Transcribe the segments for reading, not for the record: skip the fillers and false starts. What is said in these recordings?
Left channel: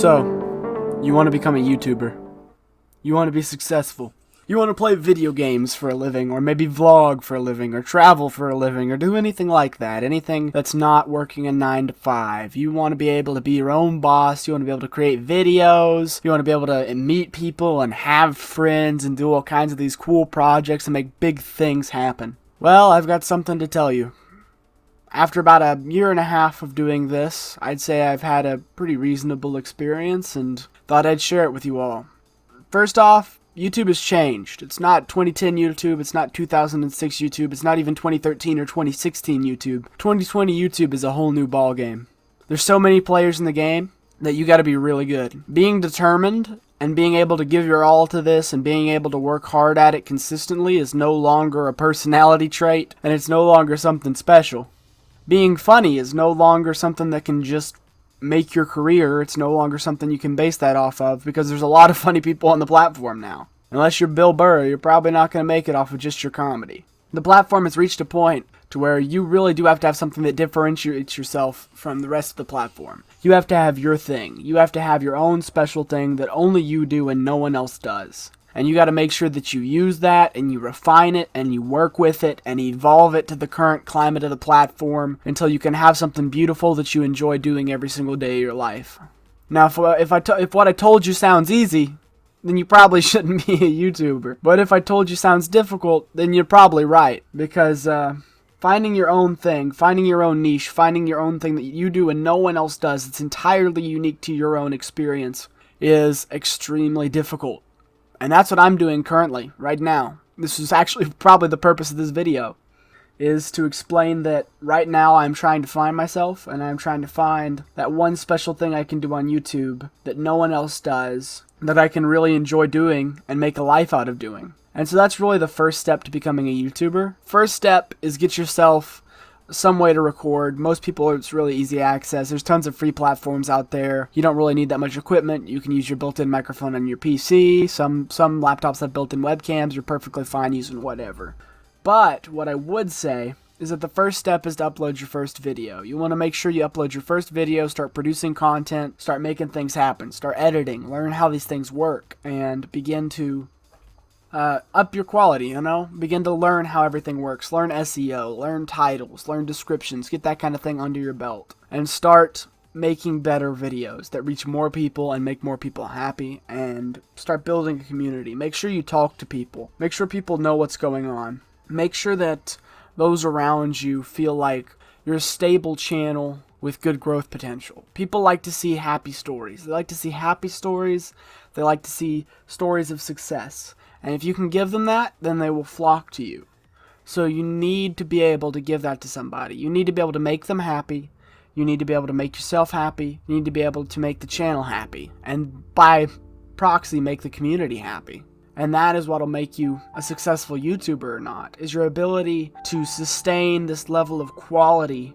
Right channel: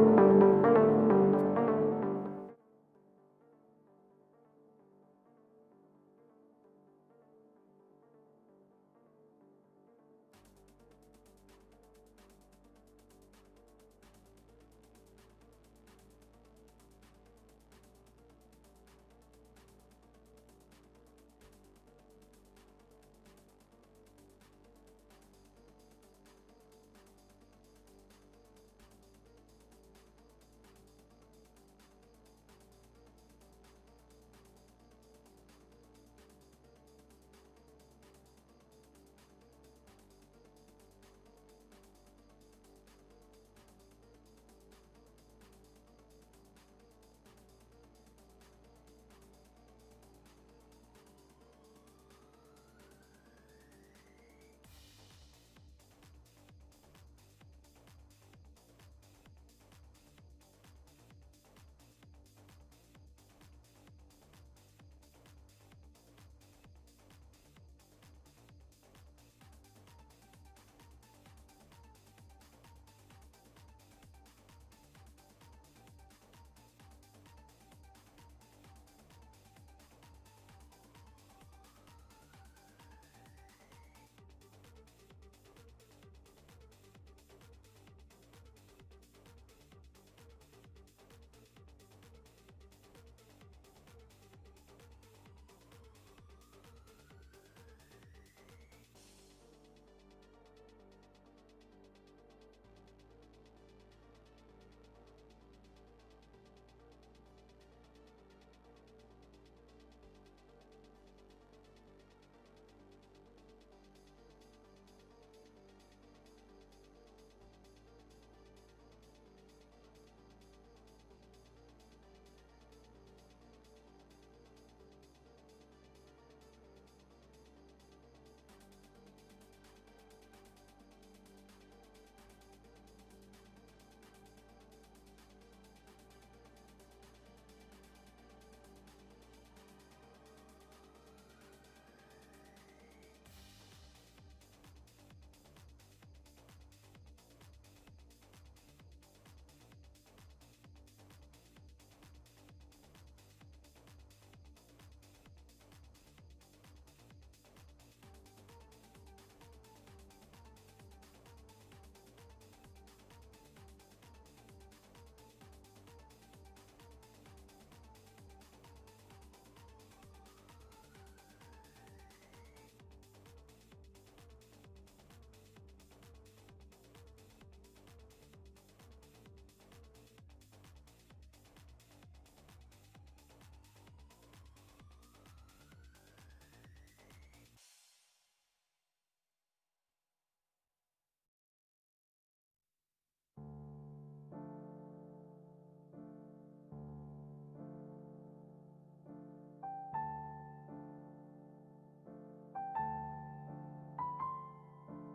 So, you want to become a YouTuber. You want to be successful. You want to play video games for a living, or maybe vlog for a living, or travel for a living, or do anything like that. Anything that's not working a 9 to 5. You want to be able to be your own boss. You want to be able to create videos. You want to be able to meet people and have friends and do all kinds of these cool projects and make big things happen. Well, I've got something to tell you. After about a year and a half of doing this, I'd say I've had a pretty reasonable experience and thought I'd share it with you all. First off, YouTube has changed. It's not 2010 YouTube, it's not 2006 YouTube, it's not even 2013 or 2016 YouTube. 2020 YouTube is a whole new ballgame. There's so many players in the game that you gotta be really good. Being determined and being able to give your all to this and being able to work hard at it consistently is no longer a personality trait, and it's no longer something special. Being funny is no longer something that can just make your career. It's no longer something you can base that off of, because there's a lot of funny people on the platform now. Unless you're Bill Burr, you're probably not going to make it off of just your comedy. The platform has reached a point to where you really do have to have something that differentiates yourself from the rest of the platform. You have to have your thing. You have to have your own special thing that only you do and no one else does. And you got to make sure that you use that and you refine it and you work with it and evolve it to the current climate of the platform until you can have something beautiful that you enjoy doing every single day of your life. Now, if what I told you sounds easy, then you probably shouldn't be a YouTuber. But if I told you sounds difficult, then you're probably right. Because finding your own thing, finding your own niche, finding your own thing that you do and no one else does, it's entirely unique to your own experience, is extremely difficult. And that's what I'm doing currently, right now. This is actually probably the purpose of this video, is to explain that right now I'm trying to find myself, and I'm trying to find that one special thing I can do on YouTube that no one else does, that I can really enjoy doing and make a life out of doing. And so that's really the first step to becoming a YouTuber. First step is get yourself some way to record. Most people, it's really easy access. There's tons of free platforms out there. You don't really need that much equipment. You can use your built-in microphone on your PC. Some laptops have built-in webcams. You're perfectly fine using whatever. But what I would say is that the first step is to upload your first video. You want to make sure you upload your first video, start producing content, start making things happen, start editing, learn how these things work, and begin to up your quality, begin to learn how everything works, learn SEO, learn titles, learn descriptions, get that kind of thing under your belt, and start making better videos that reach more people and make more people happy, and start building a community. Make sure you talk to people. Make sure people know what's going on. Make sure that those around you feel like you're a stable channel with good growth potential. People like to see happy stories. They like to see happy stories. They like to see stories of success. And if you can give them that, then they will flock to you. So you need to be able to give that to somebody. You need to be able to make them happy. You need to be able to make yourself happy. You need to be able to make the channel happy. And by proxy, make the community happy. And that is what will make you a successful YouTuber or not, is your ability to sustain this level of quality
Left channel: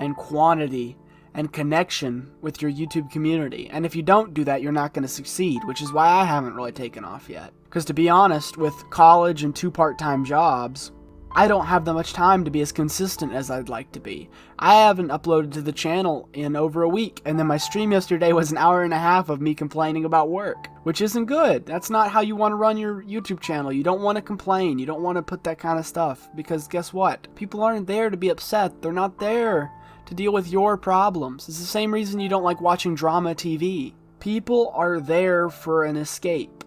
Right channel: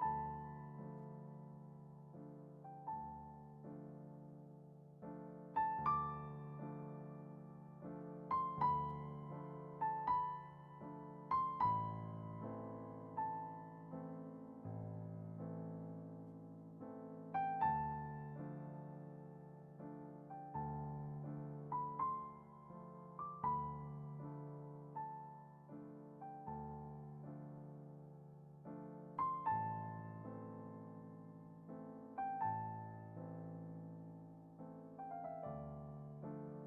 and quantity and connection with your YouTube community. And if you don't do that, you're not going to succeed, which is why I haven't really taken off yet. Because to be honest, with college and 2 part-time jobs, I don't have that much time to be as consistent as I'd like to be. I haven't uploaded to the channel in over a week, and then my stream yesterday was an hour and a half of me complaining about work, which isn't good. That's not how you want to run your YouTube channel. You don't want to complain. You don't want to put that kind of stuff, because guess what? People aren't there to be upset. They're not there to deal with your problems. It's the same reason you don't like watching drama TV. People are there for an escape.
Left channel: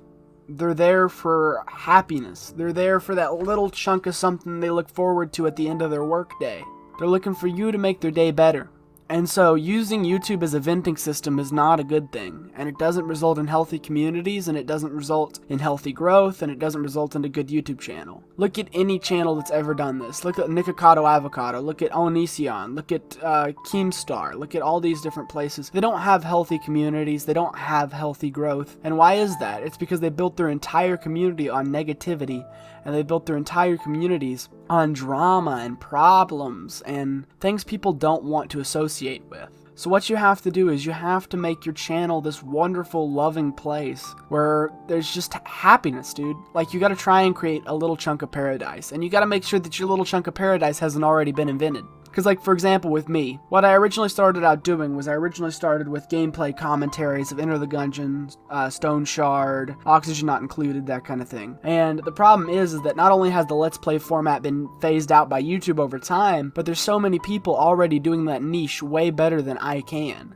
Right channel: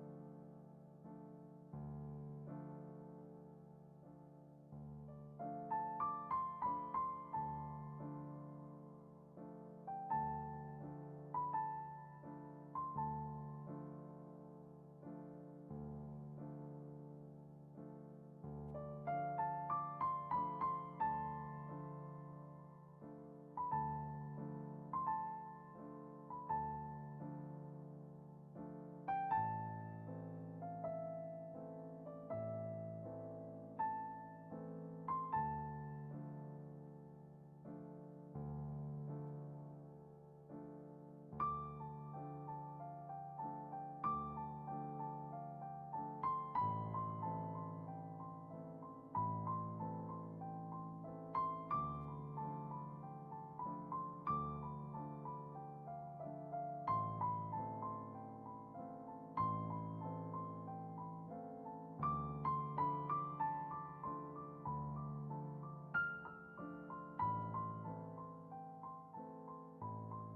They're there for happiness. They're there for that little chunk of something they look forward to at the end of their workday. They're looking for you to make their day better. And so using YouTube as a venting system is not a good thing, and it doesn't result in healthy communities, and it doesn't result in healthy growth, and it doesn't result in a good YouTube channel. Look at any channel that's ever done this. Look at Nikocado Avocado, look at Onision, look at Keemstar, look at all these different places. They don't have healthy communities, they don't have healthy growth. And why is that? It's because they built their entire community on negativity, and they built their entire communities on drama and problems and things people don't want to associate with. So what you have to do is you have to make your channel this wonderful, loving place where there's just happiness, dude. Like, you gotta try and create a little chunk of paradise, and you gotta make sure that your little chunk of paradise hasn't already been invented. Because, like, for example, with me, what I originally started out doing was I originally started with gameplay commentaries of Enter the Gungeon, Stone Shard, Oxygen Not Included, that kind of thing. And the problem is that not only has the Let's Play format been phased out by YouTube over time, but there's so many people already doing that niche way better than I can.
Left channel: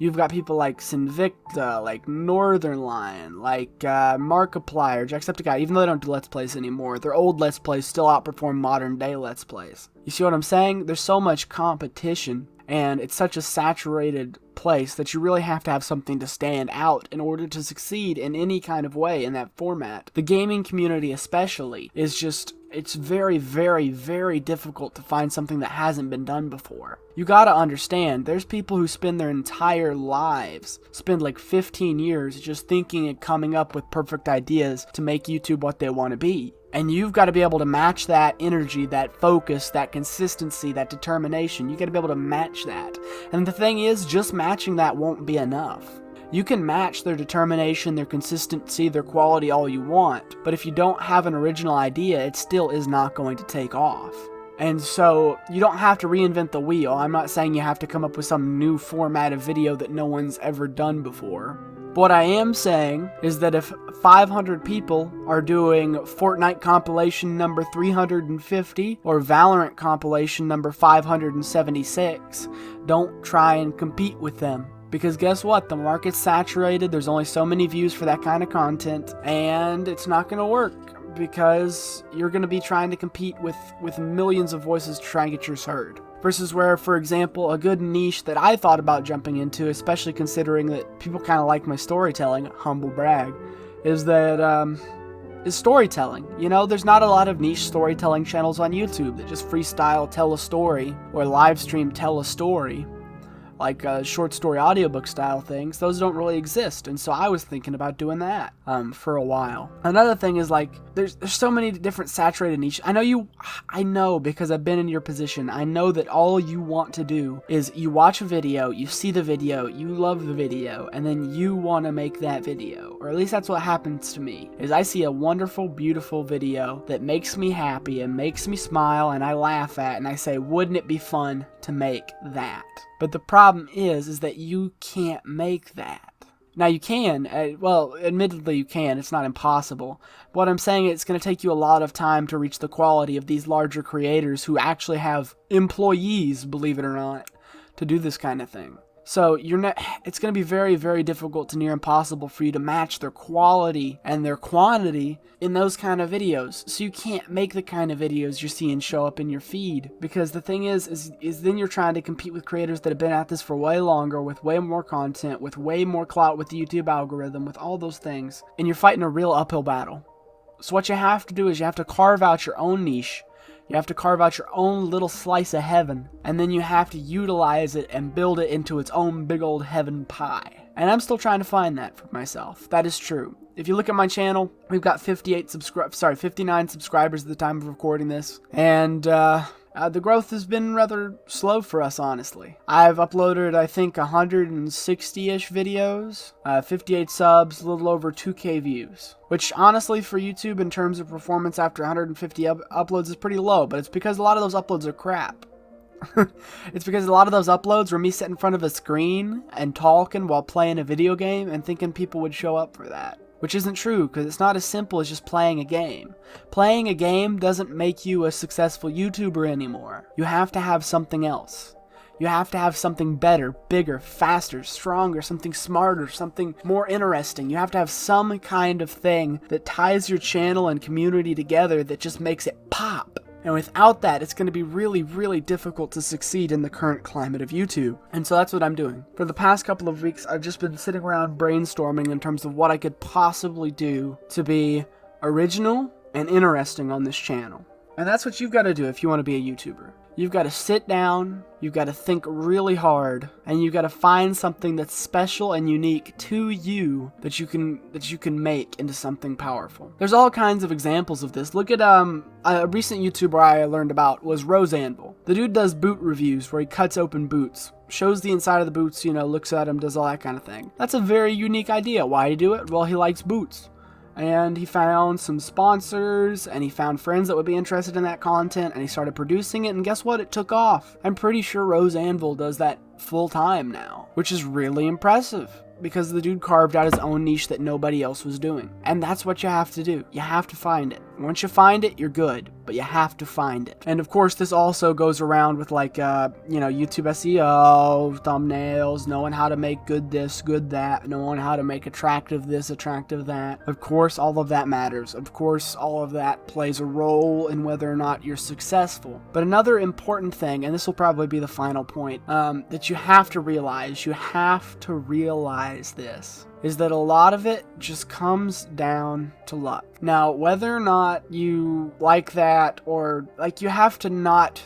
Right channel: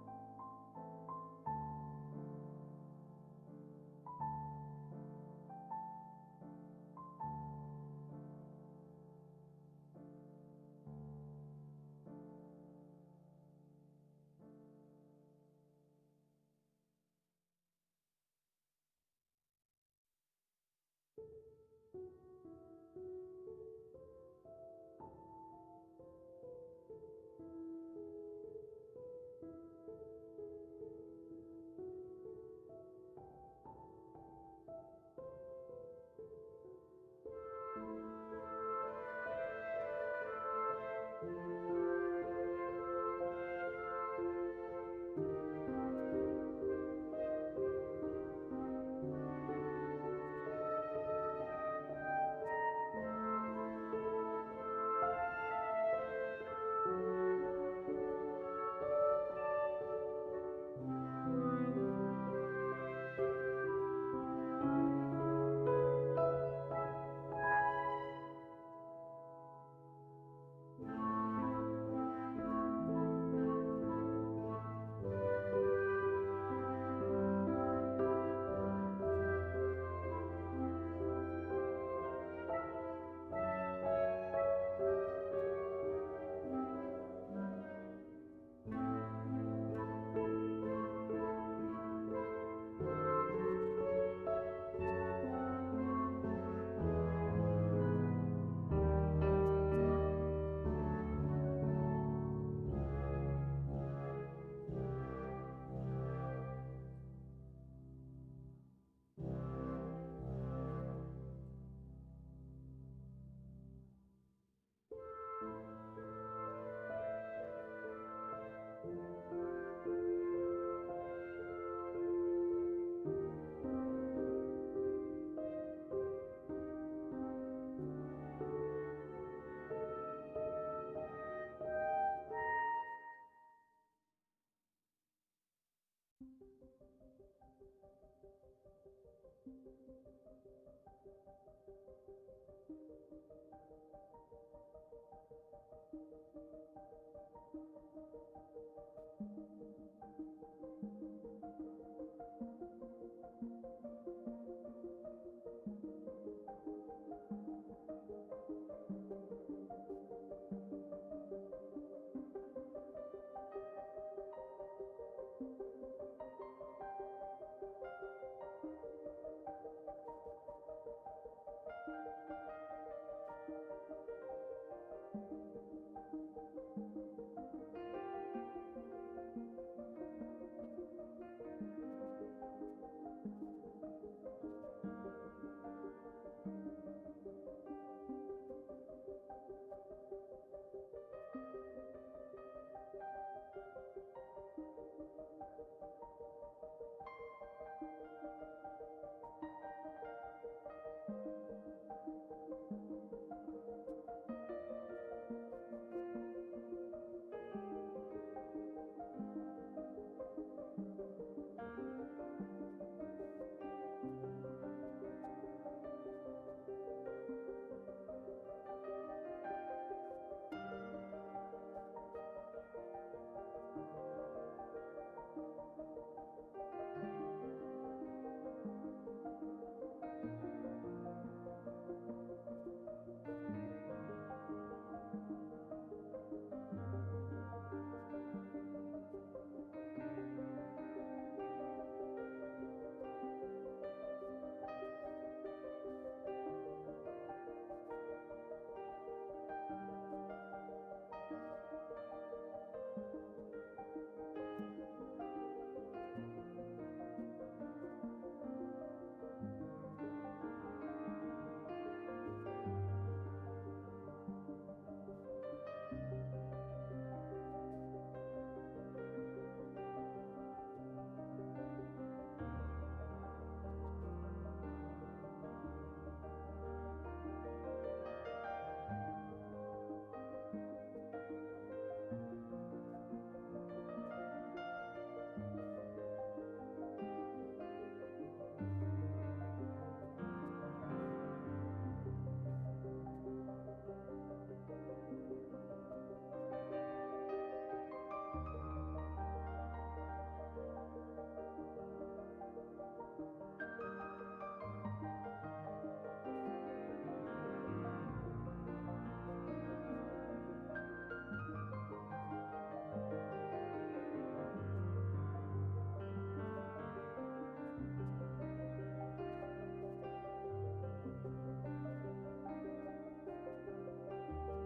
You've got people like Sinvicta, like Northern Lion, like Markiplier, Jacksepticeye, even though they don't do Let's Plays anymore, their old Let's Plays still outperform modern day Let's Plays. You see what I'm saying? There's so much competition, and it's such a saturated place that you really have to have something to stand out in order to succeed in any kind of way in that format. The gaming community especially is just, it's very, very, very difficult to find something that hasn't been done before. You gotta understand, there's people who spend their entire lives, spend like 15 years just thinking and coming up with perfect ideas to make YouTube what they want to be. And you've got to be able to match that energy, that focus, that consistency, that determination. You got to be able to match that. And the thing is, just matching that won't be enough. You can match their determination, their consistency, their quality all you want, but if you don't have an original idea, it still is not going to take off. And so, you don't have to reinvent the wheel. I'm not saying you have to come up with some new format of video that no one's ever done before. But what I am saying is that if 500 people are doing Fortnite compilation number 350 or Valorant compilation number 576, don't try and compete with them. Because guess what? The market's saturated, there's only so many views for that kind of content, and it's not going to work because you're going to be trying to compete with millions of voices to try and get yours heard. Versus where, for example, a good niche that I thought about jumping into, especially considering that people kind of like my storytelling, humble brag, is that, is storytelling. You know, there's not a lot of niche storytelling channels on YouTube that just freestyle tell a story or live stream tell a story. Like short story audiobook style things, those don't really exist, and so I was thinking about doing that for a while. Another thing is, like, there's so many different saturated niches. I know because I've been in your position. I know that all you want to do is you watch a video, you see the video, you love the video, and then you want to make that video. Or at least that's what happens to me, is I see a wonderful, beautiful video that makes me happy and makes me smile and I laugh at, and I say, wouldn't it be fun to make that? But the problem is that you can't make that. Now you can, well, admittedly you can, it's not impossible. But what I'm saying is it's going to take you a lot of time to reach the quality of these larger creators who actually have employees, believe it or not, to do this kind of thing. So it's going to be very, very difficult to near impossible for you to match their quality and their quantity in those kind of videos. So you can't make the kind of videos you're seeing show up in your feed. Because the thing is then you're trying to compete with creators that have been at this for way longer, with way more content, with way more clout with the YouTube algorithm, with all those things. And you're fighting a real uphill battle. So what you have to do is you have to carve out your own niche. You have to carve out your own little slice of heaven, and then you have to utilize it and build it into its own big old heaven pie. And I'm still trying to find that for myself. That is true. If you look at my channel, we've got 59 subscribers at the time of recording this, and the growth has been rather slow for us, honestly. I've uploaded, I think, 160-ish videos, 58 subs, a little over 2K views. Which, honestly, for YouTube, in terms of performance after 150 uploads is pretty low, but it's because a lot of those uploads are crap. It's because a lot of those uploads were me sitting in front of a screen and talking while playing a video game and thinking people would show up for that. Which isn't true, because it's not as simple as just playing a game. Playing a game doesn't make you a successful YouTuber anymore. You have to have something else. You have to have something better, bigger, faster, stronger, something smarter, something more interesting. You have to have some kind of thing that ties your channel and community together that just makes it pop. And without that, it's going to be really, really difficult to succeed in the current climate of YouTube. And so that's what I'm doing. For the past couple of weeks, I've just been sitting around brainstorming in terms of what I could possibly do to be original and interesting on this channel. And that's what you've got to do if you want to be a YouTuber. You've got to sit down, you've got to think really hard, and you've got to find something that's special and unique to you that you can make into something powerful. There's all kinds of examples of this. Look at a recent YouTuber I learned about was Rosanville. The dude does boot reviews where he cuts open boots, shows the inside of the boots, you know, looks at them, does all that kind of thing. That's a very unique idea. Why do you do it? Well, he likes boots. and he found some sponsors, and he found friends that would be interested in that content, and he started producing it, and guess what? It took off. I'm pretty sure Rose Anvil does that full time now, which is really impressive, because the dude carved out his own niche that nobody else was doing. And that's what you have to do. You have to find it. Once you find it, you're good, but you have to find it. And of course, this also goes around with like, YouTube SEO, thumbnails, knowing how to make good this, good that, knowing how to make attractive this, attractive that. Of course, all of that matters. Of course, all of that plays a role in whether or not you're successful. But another important thing, and this will probably be the final point, that you have to realize, this, is that a lot of it just comes down to luck. Now, whether or not you like that, or like, you have to not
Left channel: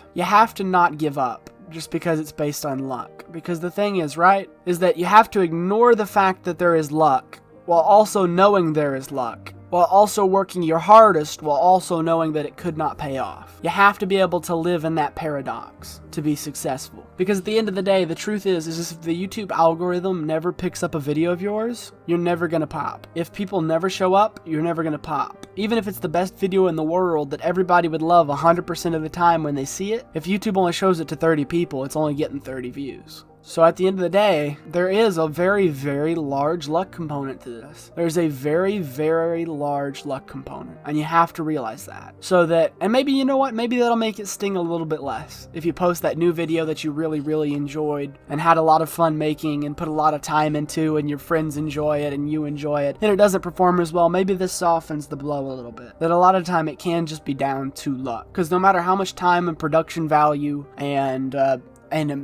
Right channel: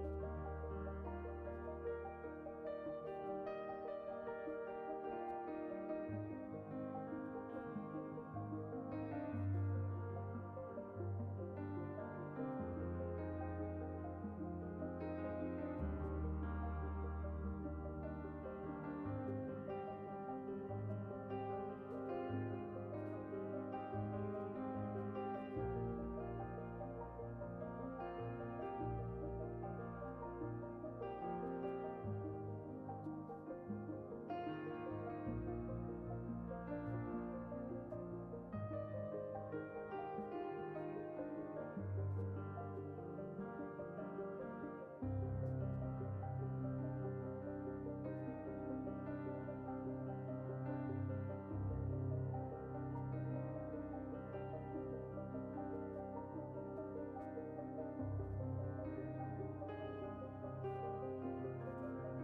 give up just because it's based on luck. Because the thing is, right, is that you have to ignore the fact that there is luck while also knowing there is luck, while also working your hardest, while also knowing that it could not pay off. You have to be able to live in that paradox to be successful. Because at the end of the day, the truth is if the YouTube algorithm never picks up a video of yours, you're never gonna pop. If people never show up, you're never gonna pop. Even if it's the best video in the world that everybody would love 100% of the time when they see it, if YouTube only shows it to 30 people, it's only getting 30 views. So at the end of the day, there is a very, very large luck component to this. There's a very, very large luck component, and you have to realize that. So that, and maybe, you know what, maybe that'll make it sting a little bit less. If you post that new video that you really, really enjoyed and had a lot of fun making and put a lot of time into, and your friends enjoy it and you enjoy it, and it doesn't perform as well, maybe this softens the blow a little bit. That a lot of time it can just be down to luck. Because no matter how much time and production value and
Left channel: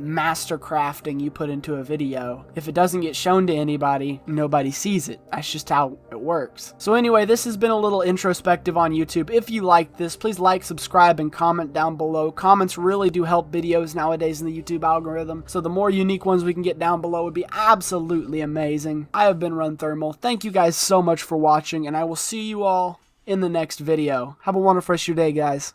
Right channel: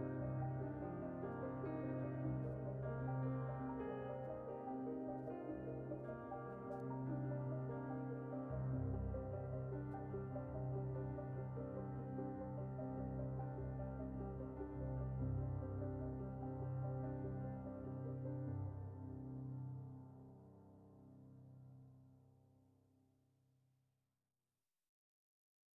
master crafting you put into a video, if it doesn't get shown to anybody, nobody sees it. That's just how it works. So anyway, this has been a little introspective on YouTube. If you like this, please like, subscribe, and comment down below. Comments really do help videos nowadays in the YouTube algorithm, so the more unique ones we can get down below would be absolutely amazing. I have been Run Thermal. Thank you guys so much for watching, and I will see you all in the next video. Have a wonderful rest of your day, guys.